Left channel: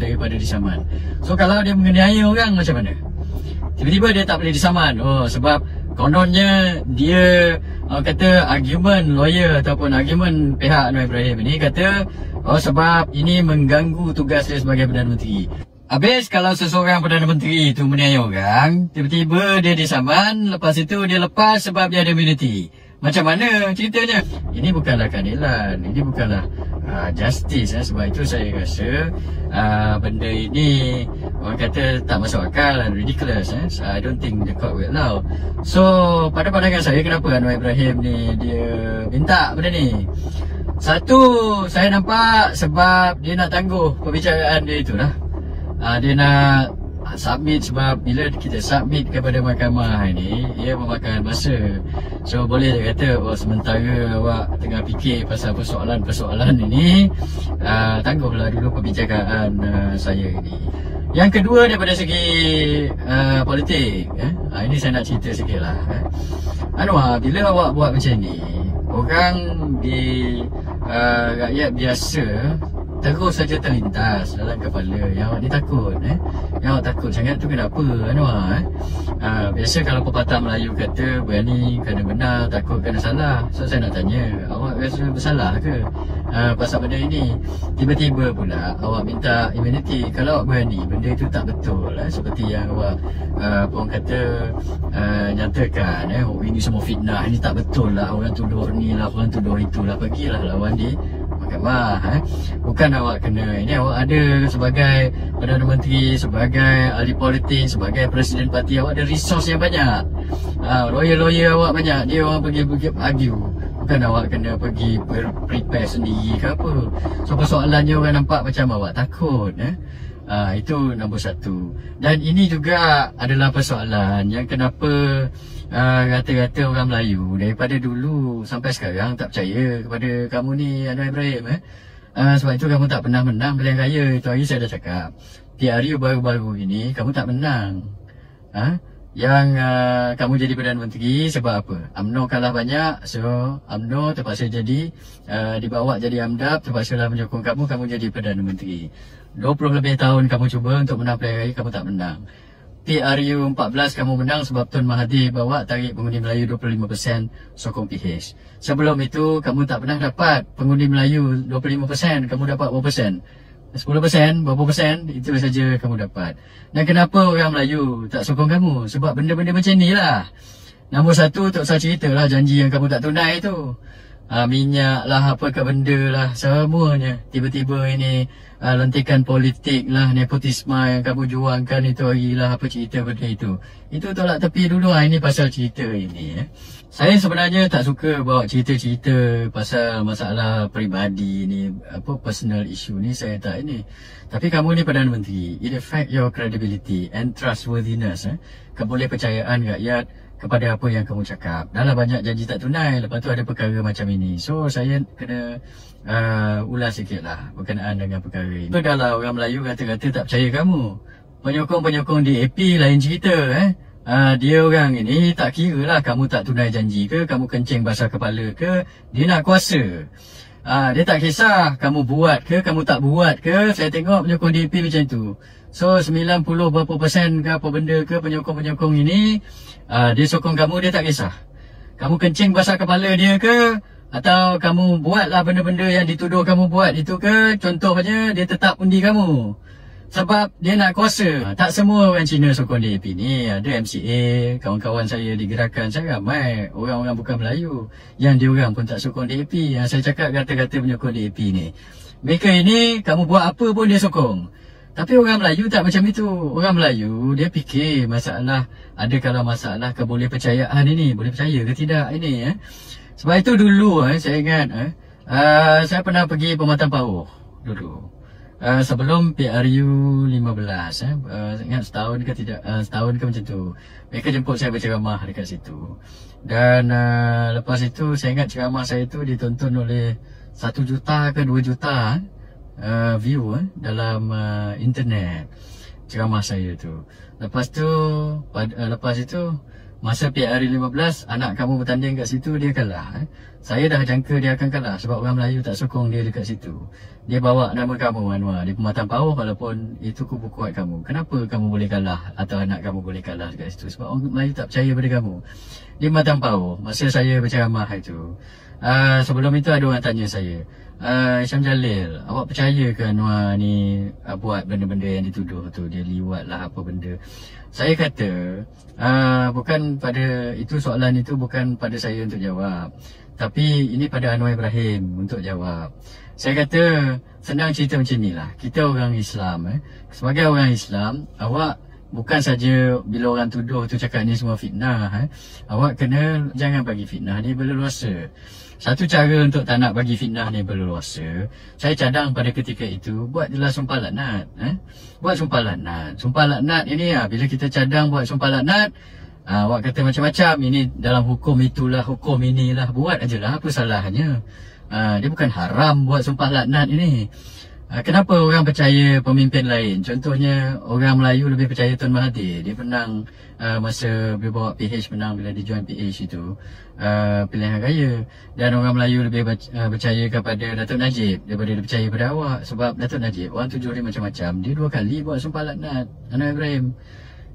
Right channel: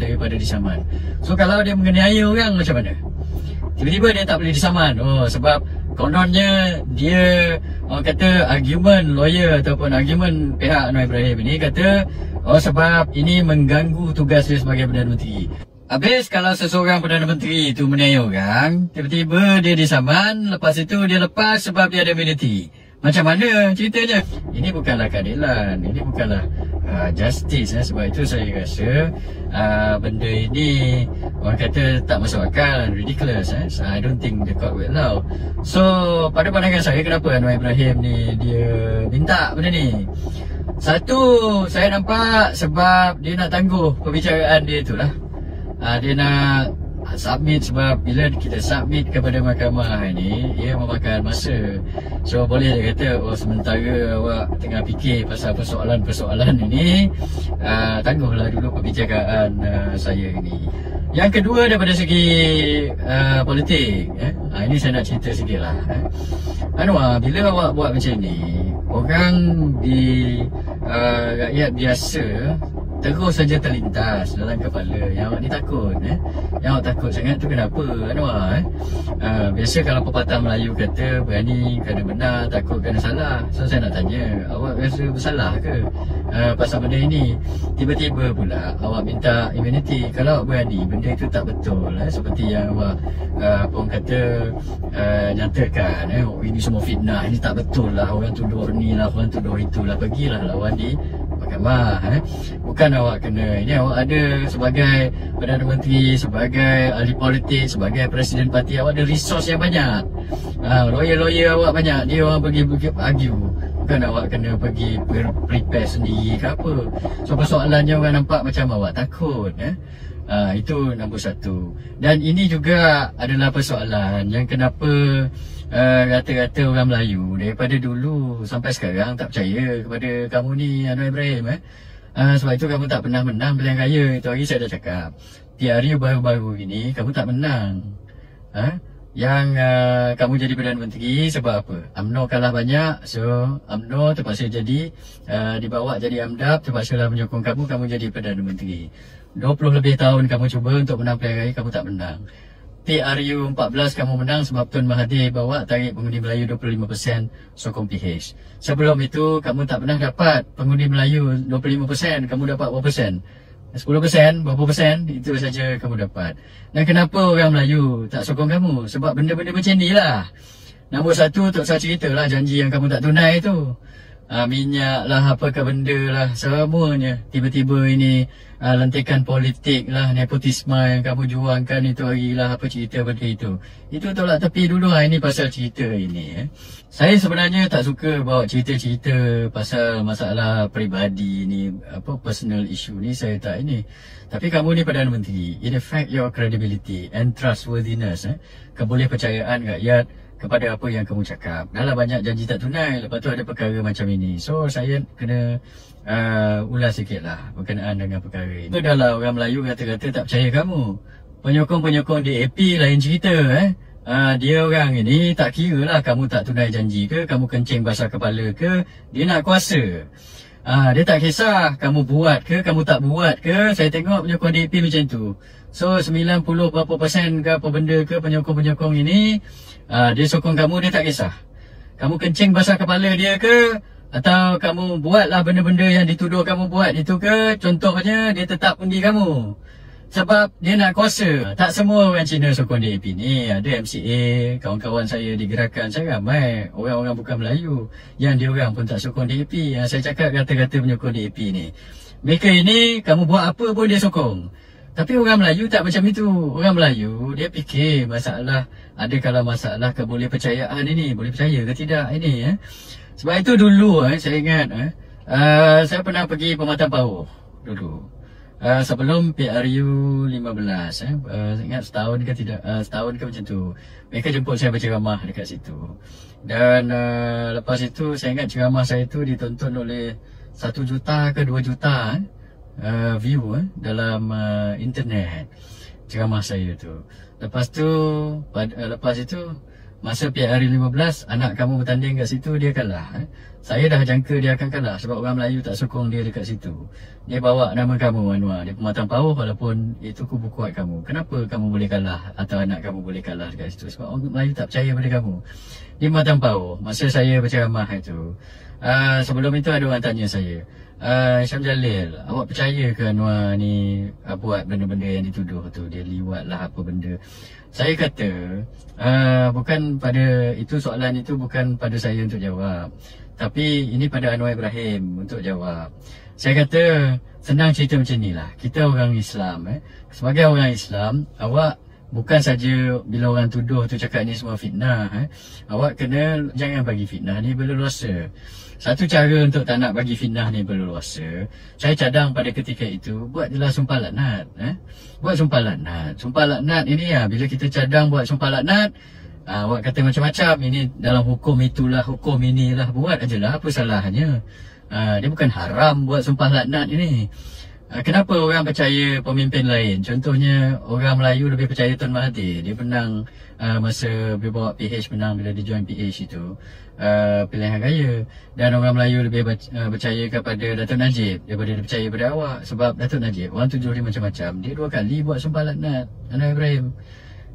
daripada disaman. So kalau dia menganiaya orang macam mana? Tiba-tiba dia tak boleh disaman. Oh, sebab kononnya dia kata argument lawyer ataupun argument pihak Anwar Ibrahim ini kata sebab ini mengganggu tugas dia sebagai Perdana Menteri. Habis kalau seseorang Perdana Menteri itu menganiaya orang, tiba-tiba dia disaman, lepas itu dia lepas sebab dia ada immunity. Macam mana ceritanya? Ini bukanlah keadilan, ini bukanlah justice. Sebab itu saya rasa benda ini orang kata tak masuk akal and ridiculous. I don't think the court will allow. So pada pandangan saya, kenapa Anwar Ibrahim ni dia minta benda ni? Satu, saya nampak sebab dia nak tangguh pembicaraan dia itulah. Dia nak submit, sebab bila kita submit kepada mahkamah ini, ia memakan masa. So boleh dia kata, sementara awak tengah fikir pasal persoalan-persoalan ini, tangguhlah dulu pembicaraan saya ini. Yang kedua, daripada segi politik, ini saya nak cerita sikit lah. Anwar, bila awak buat macam ni, orang di rakyat biasa terus saja terlintas dalam kepala yang awak ni takut. Yang awak takut sangat tu kenapa, Anwar? Biasa kalau pepatah Melayu kata berani kerana benar, takut kerana salah. So saya nak tanya, awak rasa bersalah ke pasal benda ini? Tiba-tiba pula awak minta immunity. Kalau awak berani, benda itu tak betul seperti yang awak pun kata nyatakan, ini semua fitnah, ini tak betul lah, orang tuduh ni lah, orang tuduh itulah, pergilah lawan di mahkamah. Bukan awak kena, ini awak ada sebagai Perdana Menteri, sebagai ahli politik, sebagai Presiden Parti, awak ada resource yang banyak. Lawyer-lawyer awak banyak, dia orang pergi argue. Bukan awak kena pergi prepare sendiri ke apa. So persoalannya orang nampak macam awak takut. Itu nombor satu. Dan ini juga adalah persoalan yang kenapa rata-rata orang Melayu daripada dulu sampai sekarang tak percaya kepada kamu ni, Anwar Ibrahim. Sebab itu kamu tak pernah menang pilihan raya. Itu hari saya dah cakap, PRU baru-baru ini kamu tak menang. Yang kamu jadi Perdana Menteri sebab apa? UMNO kalah banyak. So UMNO terpaksa jadi dibawa jadi AMDAP, terpaksalah menyokong kamu jadi Perdana Menteri. 20 lebih tahun kamu cuba untuk menang pilihan raya, kamu tak menang. PRU 14 kamu menang sebab Tun Mahathir bawa tarik pengundi Melayu 25% sokong PH. Sebelum itu kamu tak pernah dapat pengundi Melayu 25%, kamu dapat berapa persen? 10%, berapa persen? Itu saja kamu dapat. Dan kenapa orang Melayu tak sokong kamu? Sebab benda-benda macam ni lah. Nombor satu, tak usah cerita lah janji yang kamu tak tunai tu. Minyak lah, apakah benda lah, semuanya. Tiba-tiba ini lantikan politik lah, nepotisme yang kamu juangkan itu hari lah, apa cerita benda itu. Itu tolak tepi dulu lah, ini pasal cerita ini. Saya sebenarnya tak suka bawa cerita-cerita pasal masalah peribadi ni, apa personal issue ni, saya tak ini. Tapi kamu ni Perdana Menteri, it affect your credibility and trustworthiness, kebolehpercayaan rakyat kepada apa yang kamu cakap. Dah lah banyak janji tak tunai, lepas tu ada perkara macam ini. So saya kena ulas sikit lah berkenaan dengan perkara ini. Dah lah orang Melayu kata-kata tak percaya kamu. Penyokong-penyokong DAP lain cerita. Dia orang ini tak kira lah kamu tak tunai janji ke, kamu kencing basah kepala ke, dia nak kuasa. Dia tak kisah kamu buat ke, kamu tak buat ke. Saya tengok penyokong DAP macam tu. So 90 berapa persen ke apa benda ke penyokong-penyokong ini, dia sokong kamu, dia tak kisah kamu kencing basah kepala dia ke, atau kamu buatlah benda-benda yang dituduh kamu buat itu ke. Contohnya dia tetap undi kamu sebab dia nak kuasa. Tak semua orang Cina sokong DAP ni. Ada MCA, kawan-kawan saya di gerakan, saya ramai orang-orang bukan Melayu yang dia orang pun tak sokong DAP. Yang saya cakap kata-kata penyokong DAP ni, mereka ini kamu buat apa pun dia sokong. Tapi orang Melayu tak macam itu. Orang Melayu dia fikir masalah, ada kalau masalah kebolehpercayaan ini, boleh percaya ke tidak ini. Sebab itu dulu saya ingat saya pernah pergi Pematang Pauh dulu. Sebelum PRU 15, ingat setahun ke tidak, setahun ke macam tu, mereka jemput saya berceramah dekat situ. Dan lepas itu saya ingat ceramah saya tu ditonton oleh 1 juta ke 2 juta view dalam internet ceramah saya tu. Lepas tu lepas itu masa PRI 15 anak kamu bertanding kat situ, dia kalah. Saya dah jangka dia akan kalah sebab orang Melayu tak sokong dia dekat situ. Dia bawa nama kamu Anwar, dia Pematang Pauh, walaupun itu kubu kuat kamu. Kenapa kamu boleh kalah atau anak kamu boleh kalah dekat situ? Sebab orang Melayu tak percaya pada kamu. Dia Pematang Pauh. Masa saya berceramah itu, sebelum itu ada orang tanya saya, Syam Jalil, awak percaya ke Anwar ni buat benda-benda yang dituduh tu, dia liwat lah apa benda? Saya kata, bukan pada itu, soalan itu bukan pada saya untuk jawab, tapi ini pada Anwar Ibrahim untuk jawab. Saya kata, senang cerita macam ni lah. Kita orang Islam, sebagai orang Islam, awak bukan saja bila orang tuduh tu cakap ni semua fitnah, awak kena jangan bagi fitnah ni berleluasa. Satu cara untuk tak nak bagi fitnah ni berleluasa, saya cadang pada ketika itu, buat jelas sumpah laknat. Buat sumpah laknat. Sumpah laknat ini bila kita cadang buat sumpah laknat, awak kata macam-macam, ini dalam hukum itulah, hukum inilah, buat ajalah, apa salahnya? Dia bukan haram buat sumpah laknat ini. Kenapa orang percaya pemimpin lain? Contohnya orang Melayu lebih percaya Tun Mahathir. Dia menang masa dia bawa PH, menang bila dia join PH itu pilihan raya. Dan orang Melayu lebih percaya kepada Datuk Najib daripada dia percaya pada awak. Sebab Datuk Najib, orang tuduh dia macam-macam, dia 2 kali buat sumpah laknat. Anwar Ibrahim,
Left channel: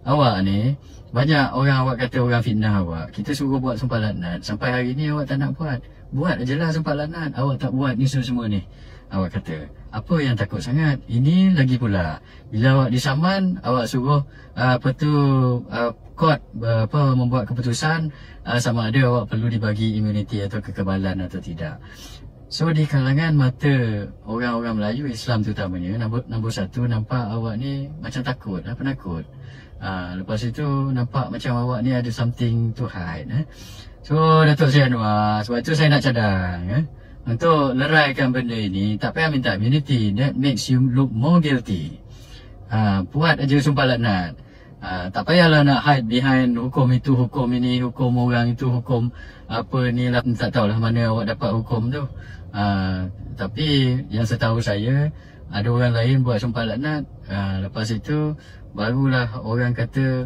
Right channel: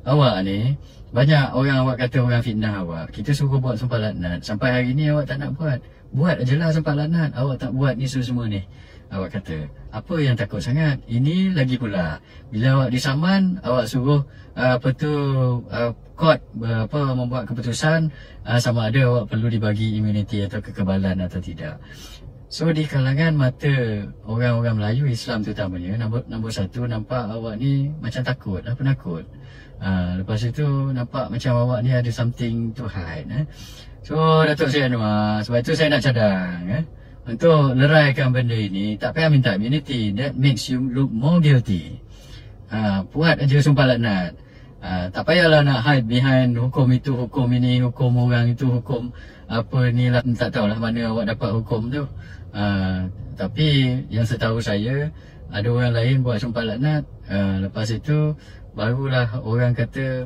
awak ni banyak orang awak kata orang fitnah awak. Kita suruh buat sumpah laknat, sampai hari ni awak tak nak buat. Buat ajalah sumpah laknat. Awak tak buat ni semua ni. Awak kata, apa yang takut sangat? Ini lagi pula, bila awak disaman, awak suruh court membuat keputusan sama ada awak perlu dibagi imuniti atau kekebalan atau tidak. So di kalangan mata orang-orang Melayu Islam terutamanya, nombor satu, nampak awak ni macam takut, penakut. Lepas itu nampak macam awak ni ada something to hide. So Datuk Seri Anwar, sebab itu saya nak cadang untuk leraikan benda ini, tak payah minta immunity. That makes you look more guilty. Buat aja sumpah laknat. Tak payahlah nak hide behind hukum itu, hukum ini, hukum orang itu, hukum apa ni lah. Tak tahulah mana awak dapat hukum tu. Tapi yang setahu saya, ada orang lain buat sumpah laknat. Lepas itu barulah orang kata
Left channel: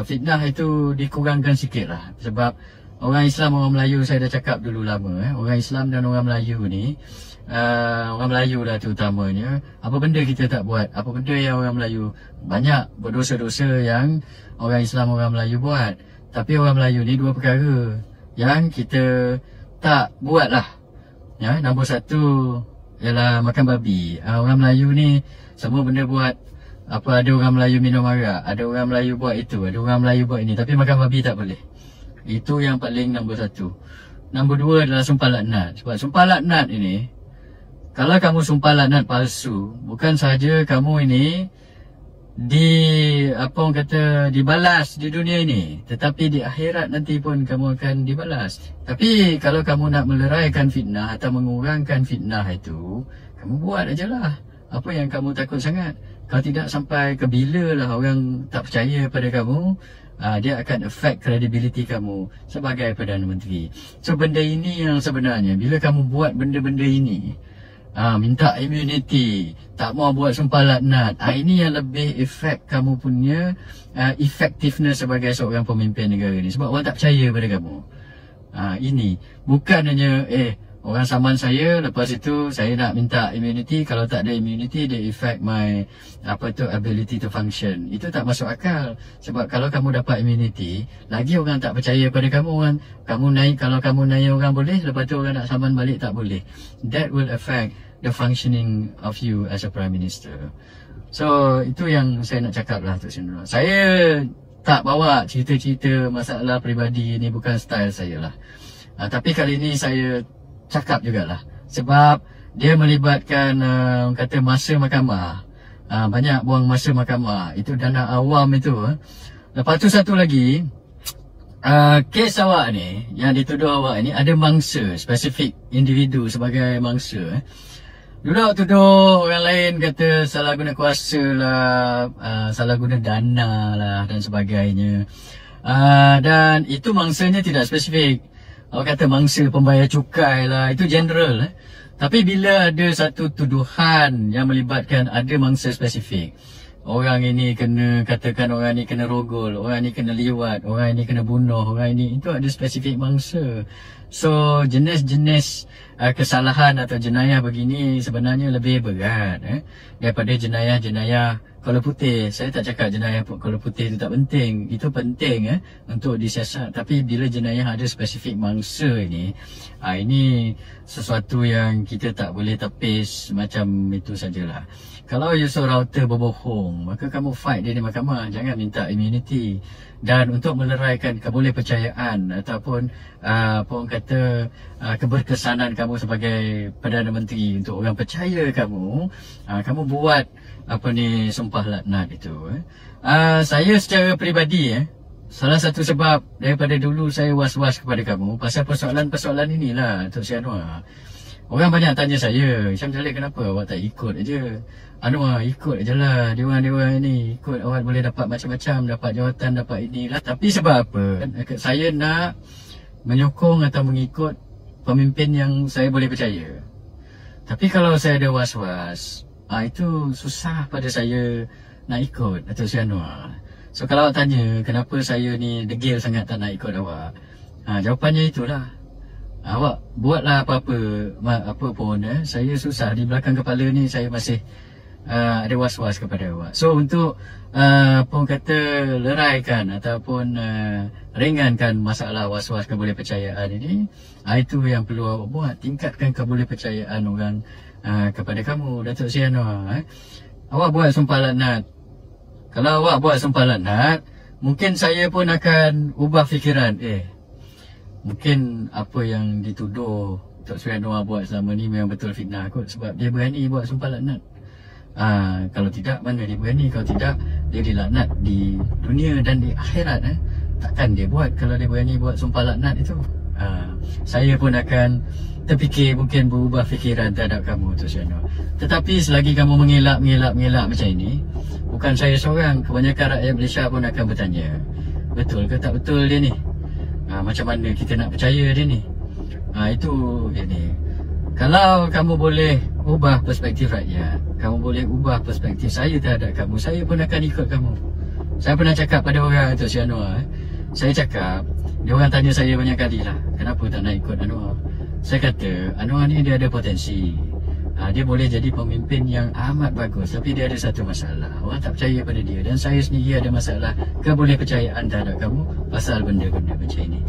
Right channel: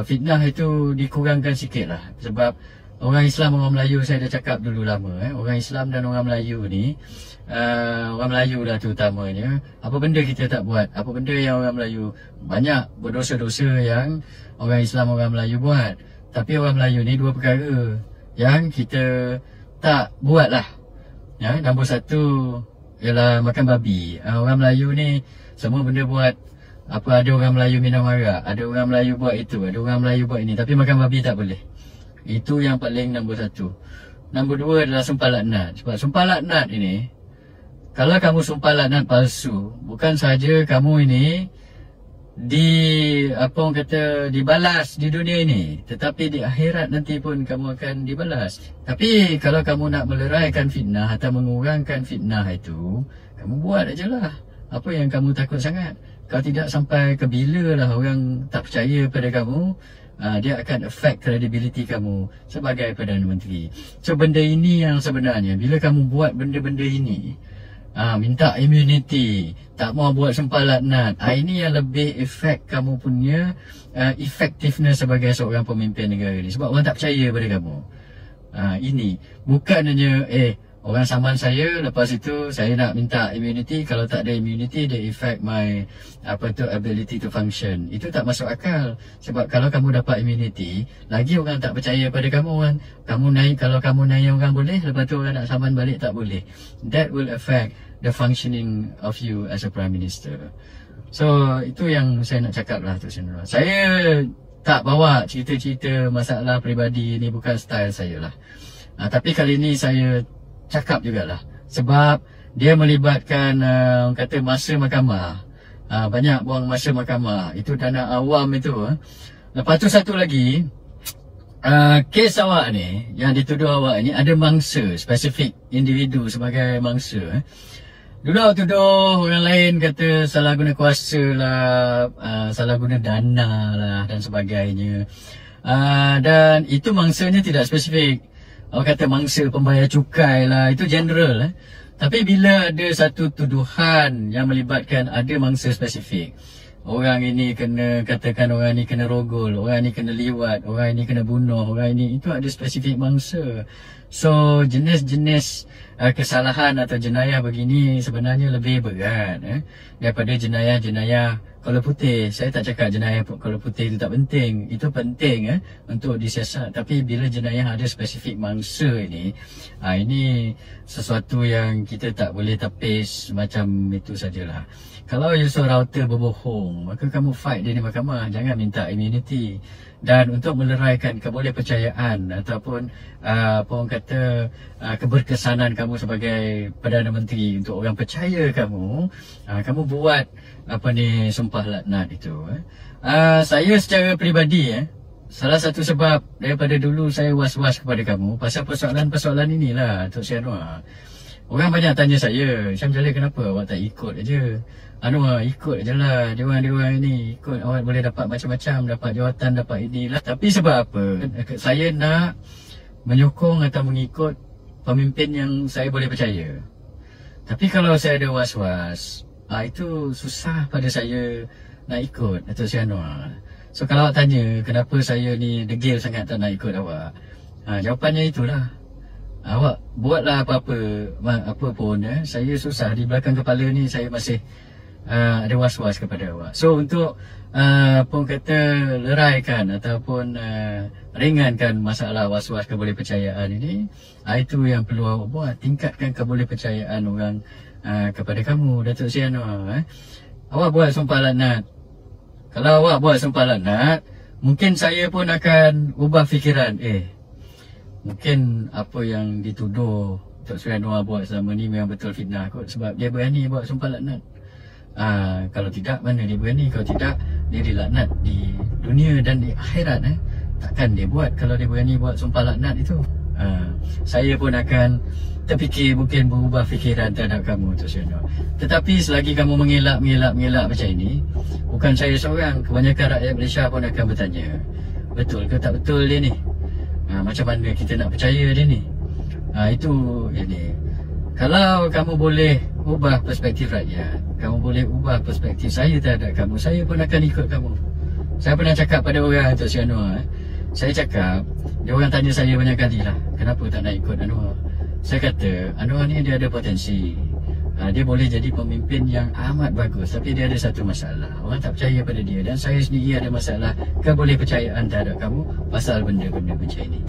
fitnah itu dikurangkan sikit lah. Sebab orang Islam, orang Melayu, saya dah cakap dulu lama, orang Islam dan orang Melayu ni, orang Melayu dah terutamanya, apa benda kita tak buat, apa benda yang orang Melayu banyak berdosa-dosa yang orang Islam, orang Melayu buat. Tapi orang Melayu ni 2 perkara yang kita tak buat lah. Nombor 1 ialah makan babi. Orang Melayu ni semua benda buat. Apa, ada orang Melayu minum arak, ada orang Melayu buat itu, ada orang Melayu buat ini, tapi makan babi tak boleh. Itu yang paling nombor 1. Nombor 2 adalah sumpah laknat. Sebab sumpah laknat ini, kalau kamu sumpah laknat palsu, bukan saja kamu ini dibalas di dunia ini, tetapi di akhirat nanti pun kamu akan dibalas. Tapi kalau kamu nak meleraikan fitnah atau mengurangkan fitnah itu, kamu buat ajalah. Apa yang kamu takut sangat? Kalau tidak, sampai ke bila lah orang tak percaya pada kamu, dia akan affect credibility kamu sebagai Perdana Menteri. So benda ini yang sebenarnya, bila kamu buat benda-benda ini, minta immunity, tak mau buat sumpah laknat, ini yang lebih affect kamu punya effectiveness sebagai seorang pemimpin negara ni. Sebab orang tak percaya pada kamu. Ini bukan hanya orang saman saya, lepas itu saya nak minta immunity. Kalau tak ada immunity, dia affect my ability to function. Itu tak masuk akal. Sebab kalau kamu dapat immunity, lagi orang tak percaya pada kamu. Kamu naik, kalau kamu naik orang boleh, lepas tu orang nak saman balik tak boleh. That will affect the functioning of you as a Prime Minister. So itu yang saya nak cakap lah, Tok Sri Nur. Saya tak bawa cerita-cerita masalah peribadi, ni bukan style saya lah. Tapi kali ni saya cakap jugalah, sebab dia melibatkan kata masa mahkamah, banyak buang masa mahkamah, itu dana awam itu. Lepas tu satu lagi, kes awak ni, yang dituduh awak ni ada mangsa, spesifik individu sebagai mangsa. Dulu awak tuduh orang lain kata salah guna kuasa lah, salah guna dana lah dan sebagainya. Dan itu mangsanya tidak spesifik. Awak kata mangsa pembayar cukai lah, itu general. Tapi bila ada satu tuduhan yang melibatkan ada mangsa spesifik, orang ini kena, katakan orang ni kena rogol, orang ni kena liwat, orang ni kena bunuh, orang ni, itu ada spesifik mangsa. So jenis-jenis kesalahan atau jenayah begini sebenarnya lebih berat daripada jenayah-jenayah kola putih. Saya tak cakap jenayah kola putih itu tak penting. Itu penting untuk disiasat. Tapi bila jenayah ada spesifik mangsa ini sesuatu yang kita tak boleh tepis macam itu sajalah. Kalau Yusof Router berbohong, maka kamu fight dia di mahkamah. Jangan minta immunity. Dan untuk meleraikan kebolehpercayaan ataupun orang kata keberkesanan kamu sebagai Perdana Menteri, untuk orang percaya kamu, kamu buat sumpah laknat itu. Saya secara peribadi salah satu sebab daripada dulu saya was-was kepada kamu pasal persoalan-persoalan inilah, Tok Sri Anwar. Orang banyak tanya saya, Syam Jalil, kenapa awak tak ikut aja? Anwar, ikut je lah Dewan-dewan ini. Ikut, awak boleh dapat macam-macam, dapat jawatan, dapat inilah. Tapi sebab apa? Saya nak menyokong atau mengikut pemimpin yang saya boleh percaya. Tapi kalau saya ada was-was, itu susah pada saya nak ikut Datuk Seri Anwar. So kalau awak tanya kenapa saya ni degil sangat tak nak ikut awak, jawapannya itulah. Awak buatlah apa pun saya susah. Di belakang kepala ni saya masih ada was-was kepada awak. So untuk leraikan ataupun ringankan masalah was-was kebolehpercayaan ini, itu yang perlu awak buat. Tingkatkan kebolehpercayaan orang kepada kamu, Datuk Seri Anwar. Awak buat sumpah laknat. Kalau awak buat sumpah laknat, mungkin saya pun akan ubah fikiran. Mungkin apa yang dituduh Datuk Seri Anwar buat selama ni memang betul fitnah kot, sebab dia berani buat sumpah laknat. Kalau tidak, mana dia berani? Kalau tidak, dia dilaknat di dunia dan di akhirat. Takkan dia buat kalau dia berani buat sumpah laknat itu. Saya pun akan terfikir, mungkin berubah fikiran terhadap kamu, Datuk Seri Anwar. Tetapi selagi kamu mengelak macam ini, bukan saya seorang, kebanyakan rakyat Malaysia pun akan bertanya, betul ke tak betul dia ni? Macam mana kita nak percaya dia ni? Itu dia. Kalau kamu boleh ubah perspektif rakyat, kamu boleh ubah perspektif saya terhadap kamu, saya pun akan ikut kamu. Saya pernah cakap pada orang, Datuk Seri Anwar, saya cakap, dia orang tanya saya banyak kali lah, kenapa tak nak ikut Anwar? Saya kata, Anwar ni dia ada potensi, dia boleh jadi pemimpin yang amat bagus. Tapi dia ada satu masalah, orang tak percaya pada dia. Dan saya sendiri ada masalah kebolehpercayaan terhadap kamu pasal benda-benda macam ini.